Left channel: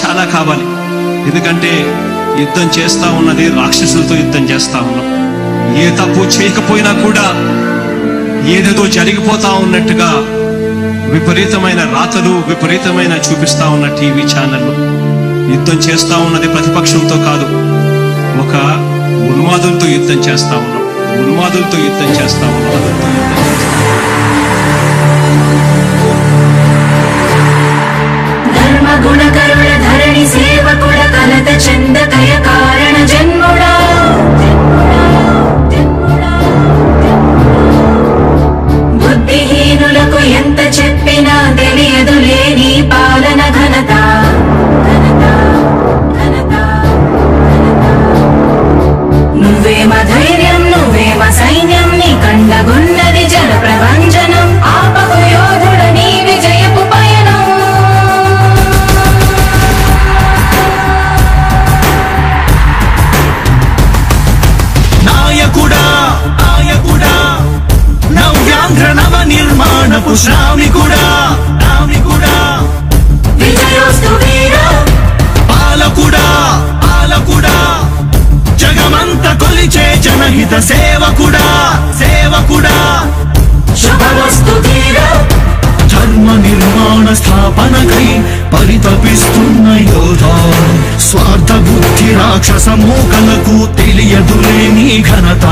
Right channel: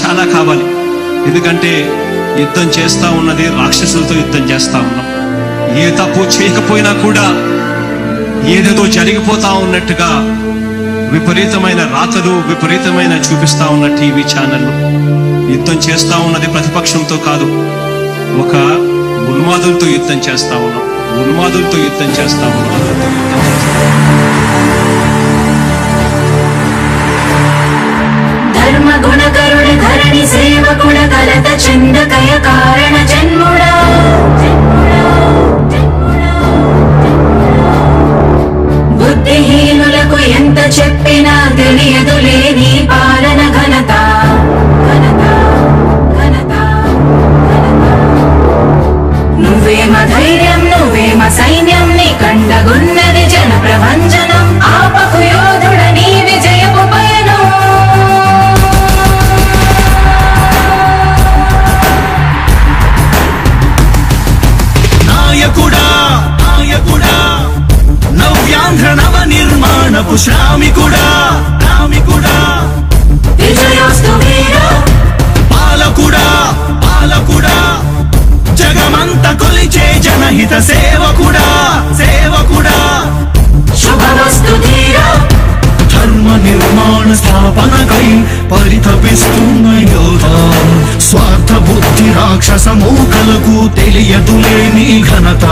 చాలా కావాలి. ఎందుకంటే యుద్ధం చేస్తా ఉన్నది రాక్షసులతో యుద్ధం చేస్తా ఉన్నాం. ఏ తప్పు చేయకపోయినా కూడా ఏదేదో జరిగిపోతా ఉన్నట్టుగా విపరీతమైన రాతలు, విపరీతమైన చూపిస్తా ఉన్న టీవీ ఛానళ్ళు. యుద్ధం చేస్తా ఉన్నది ప్రతిపక్షంతో కాదు, ఒక ఉన్మాదులతో యుద్ధం చేస్తా ఉన్నాం. ధర్మ గుణకరుడ ధరణి సేవకుడ కలత చందకయ కారణ జన్ముడా బుద్ధిహీనులకు ఎంత చెప్పినా తెలియదులే నీ పాలన ఘనత. నువ్వేమ ధైర్యం, నువ్వేమ సైన్యం, నీ కండగున్నది జన ప్రభంజనం. ఆపకు యోధుడ నీ విజయపు పయనం. నాయకుడా నవ్యాంధ్ర నవ నిర్మాణపు శ్రామికుడా విజయోస్తు వీరా పాలకుడా జగమంత కొలిచే జనహిత సేవకుడా శుభమస్తు ధీరా ధర్మ నిర్మాణ స్థాపనకై పరితపిస్తున్న యోధా. స్వార్థ బుద్ధి రాక్షస మూకలకు తెలియదులే నీ ఘనత.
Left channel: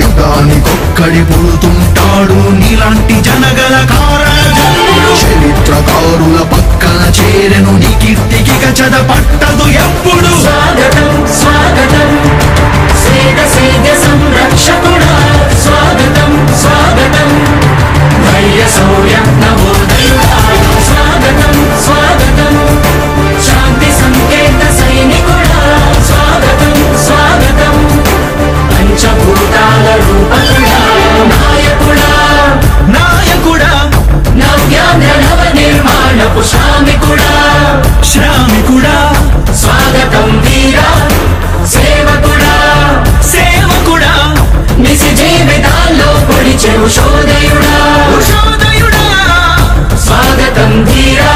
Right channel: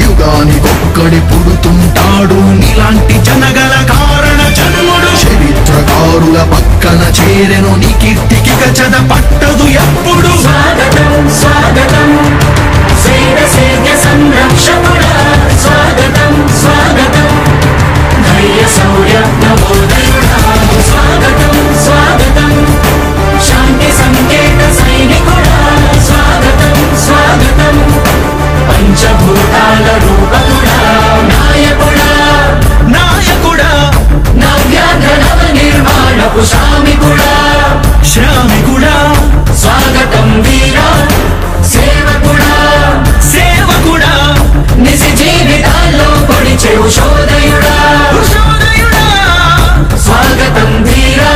యుగానికొక్కడి పుడుతుంటాడు నీలాంటి జనగల కారణ జన్ముడు. చరిత్రకారుల పక్కన చేరెను నీ కీర్తికి గజద పట్టదు ఎప్పుడు. స్వాగతం స్వాగతం సేద్య సంరక్షకుడా. స్వాగతం స్వాగతం ధైర్య శౌర్య నవోదయుడా. స్వాగతం స్వాగతం శాంతి సంకేత సైనికుడా. స్వాగతం స్వాగతం పంచభూతాల రూపకుడా. నాయకుడా నవ్యాంధ్ర నవ నిర్మాణపు శ్రామికుడా. స్వాగతం వీరా సేవకుడా నిజ జీవితాల్లో పొడిచెవు శోదయుడా. స్వాగతం వీరా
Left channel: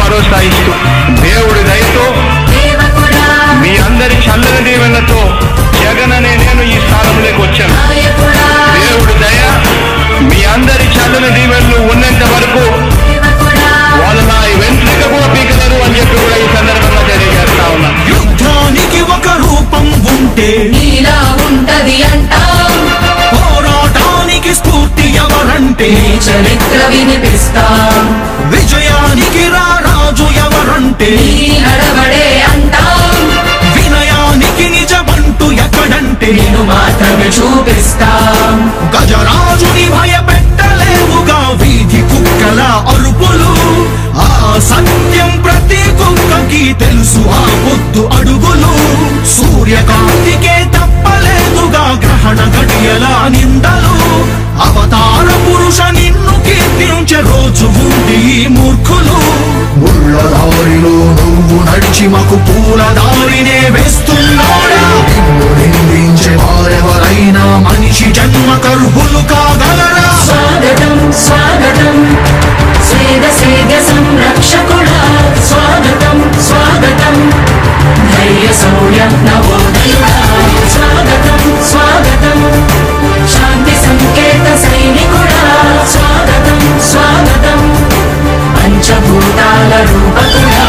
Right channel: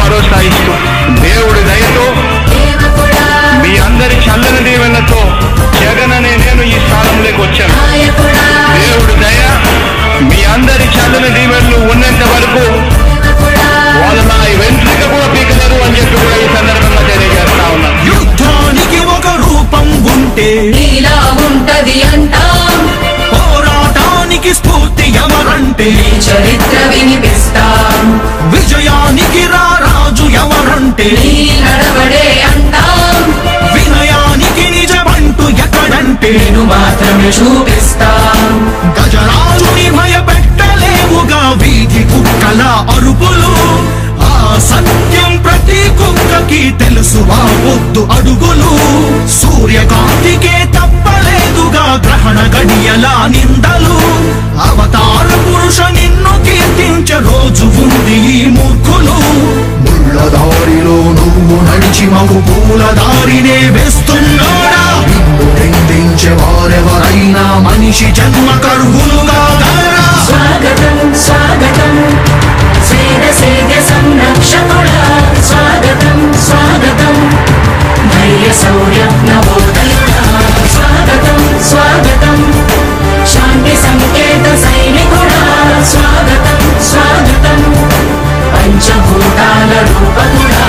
భరోసా ఇస్తూ దేవుడి దయతో మీ అందరి చల్లని దీవెనలతో జగన్ అనే నేను ఈ స్థానంలోకి వచ్చాను. దేవుడి దయ మీ అందరి చల్లని దీవెనలు ఉన్నంత వరకు వాళ్ళు నా వెంట్రుక కూడా పీకలేరు అని చెప్పి కూడా ఈ సందర్భంగా తెలియజేస్తా ఉన్నా. యుద్ధానికి ఒక రూపం ఉంటే నీలా ఉంటది అంటాం. పోరాటానికి స్ఫూర్తి ఎవరంటే చరిత్ర వినిపిస్తాం. విజయానికి రాజు ఎవరంటే నీ నడవడే అంటాం. వినయానికి నిజమంటూ ఎక్కడంటే నేను మాత్రమే చూపిస్తాం. గజరాజుని భయపెట్టలేవుగా వీధి కుక్కల అరుపులు. ఆ సత్యం ప్రతి కుక్కకి తెలుసు ఆ పొద్దు అడుగులు. సూర్యకాంతికే తప్పలేదుగా గ్రహణ గడియల నిందలు. అవతార పురుష నిన్ను కీర్తించే రోజు ఉంది ఈ మూర్ఖులు. ముళ్ళ దారిలో నువ్వు నడిచి మాకు పూల దారినే వేస్తున్నాడా. నిన్ను నిందించే వారెవరైనా మనిషి జన్మ కర్వులుగా గలరా. స్వాగతం స్వాగతం సేద్య సంరక్షకుడా. స్వాగతం స్వాగతం ధైర్య శౌర్య నవోదయుడా. స్వాగతం స్వాగతం శాంతి సంకేత సైనికుడా. స్వాగతం స్వాగతం పంచభూతాల రూపకుడా.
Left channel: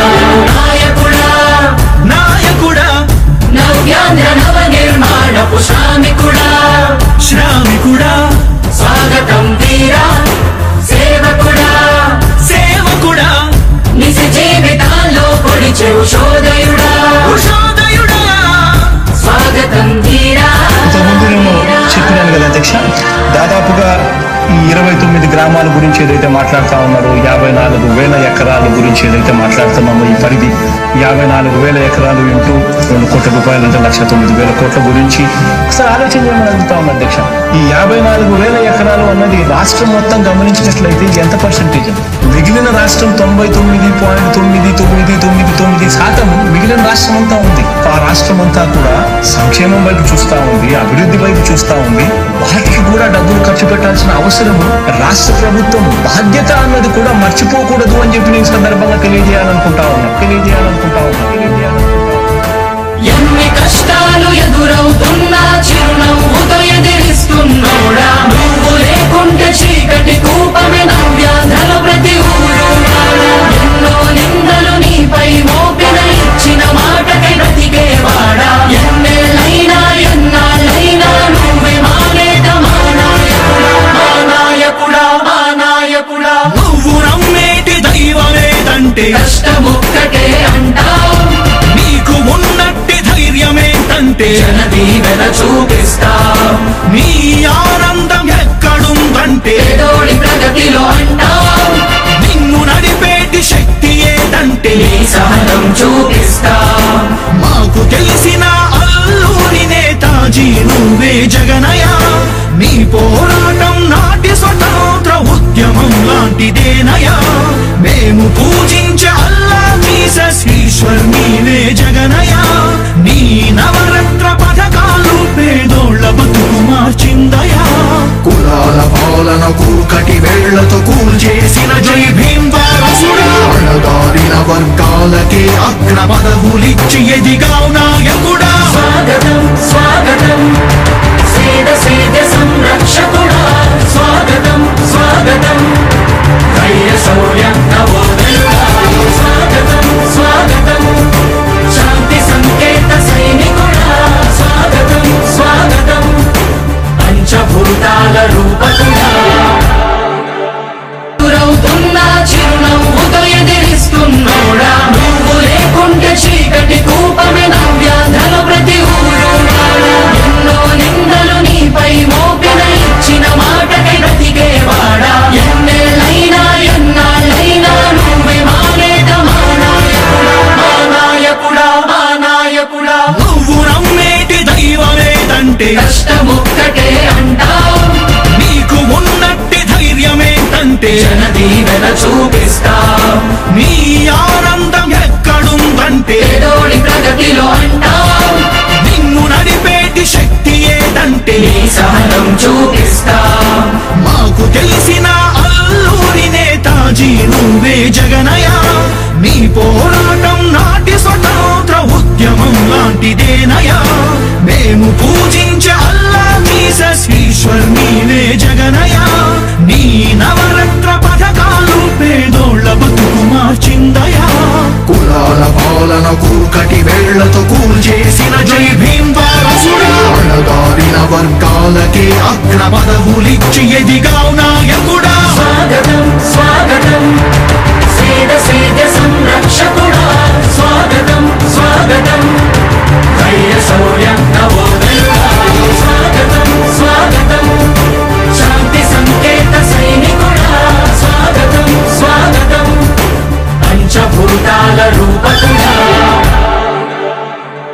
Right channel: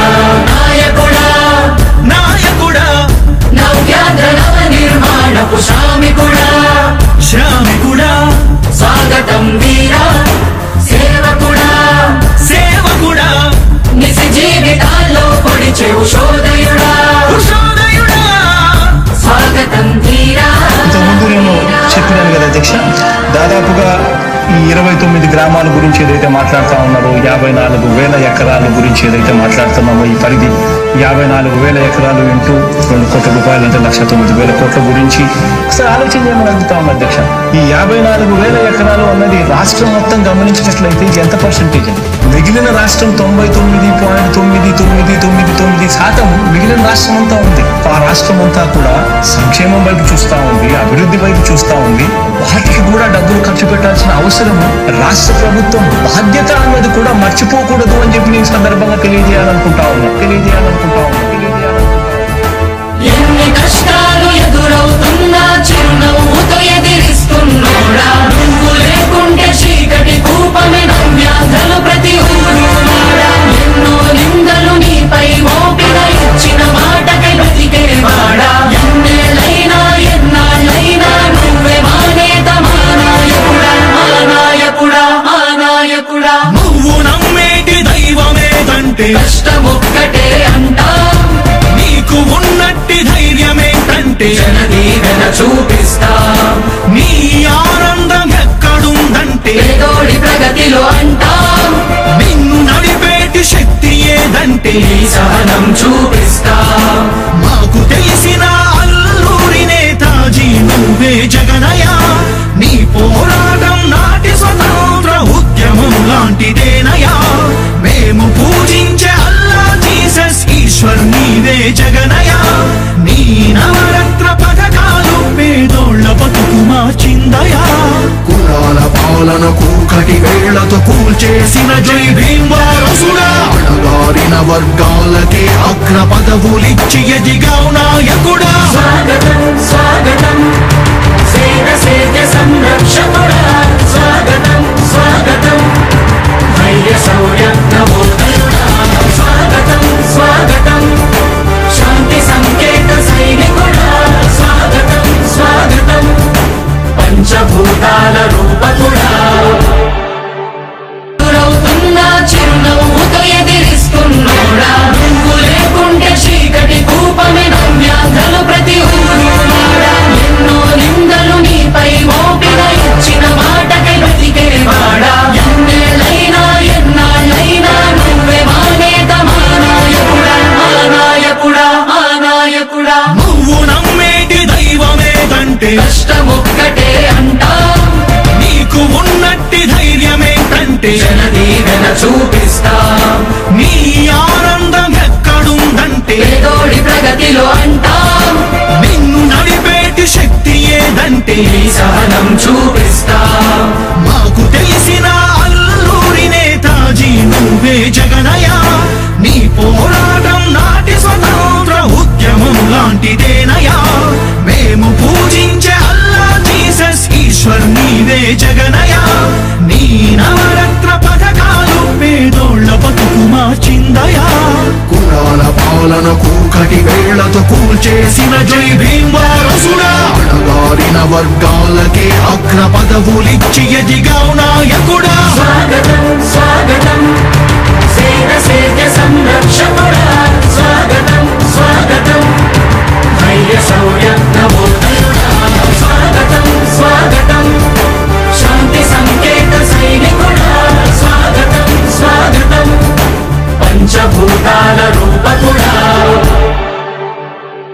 నాయకుడా నవ్యాంధ్ర నవ నిర్మాణపు శ్రామికుడా. స్వాగతం వీరా సేవకుడా నిజ జీవితాల్లో పొడిచెవు శోదయుడా. స్వాగతం వీరా. ఇంతకుముందు నేను చెప్పినాను కదా అధ్యక్ష, దాదాపుగా ఈ 29 గ్రామాల గురించి ఏదైతే మాట్లాడుతా ఉన్నారో, 54,000 ఎకరాల గురించి ఏదైతే మాట్లాడుతున్నామో, ఈ పరిధి 54,000 ఎకరాలు ఇంటూ 2 కోట్ల రూపాయలు అంటే 1,09,000 కోట్ల గురించి ఒకసారి ఆలోచన చేయమని అడుగుతా ఉన్నా అధ్యక్ష. ఈ 54,000 ఎకరాలు అన్నది రాష్ట్రం మొత్తం గమనించినట్లయితే ఇది ఎంత పర్సెంటేజ్ అండి? మిగిలిన రాష్ట్రం 99.9999% మిగిలిన రాష్ట్రం అంతా ఉంది. ఆ రాష్ట్రం అంతా కూడా సంక్షేమం వైపు చూస్తా ఉంది, అభివృద్ధి వైపు చూస్తా ఉంది. వాటికి కూడా డబ్బులు ఖర్చు పెట్టాల్సిన అవసరము రాష్ట్ర ప్రభుత్వం బాధ్యత అన్నది కూడా మర్చిపోకూడదు అని చెప్పి నేను సందర్భంగా తెలియజేయాలనుకుంటా ఉన్నా.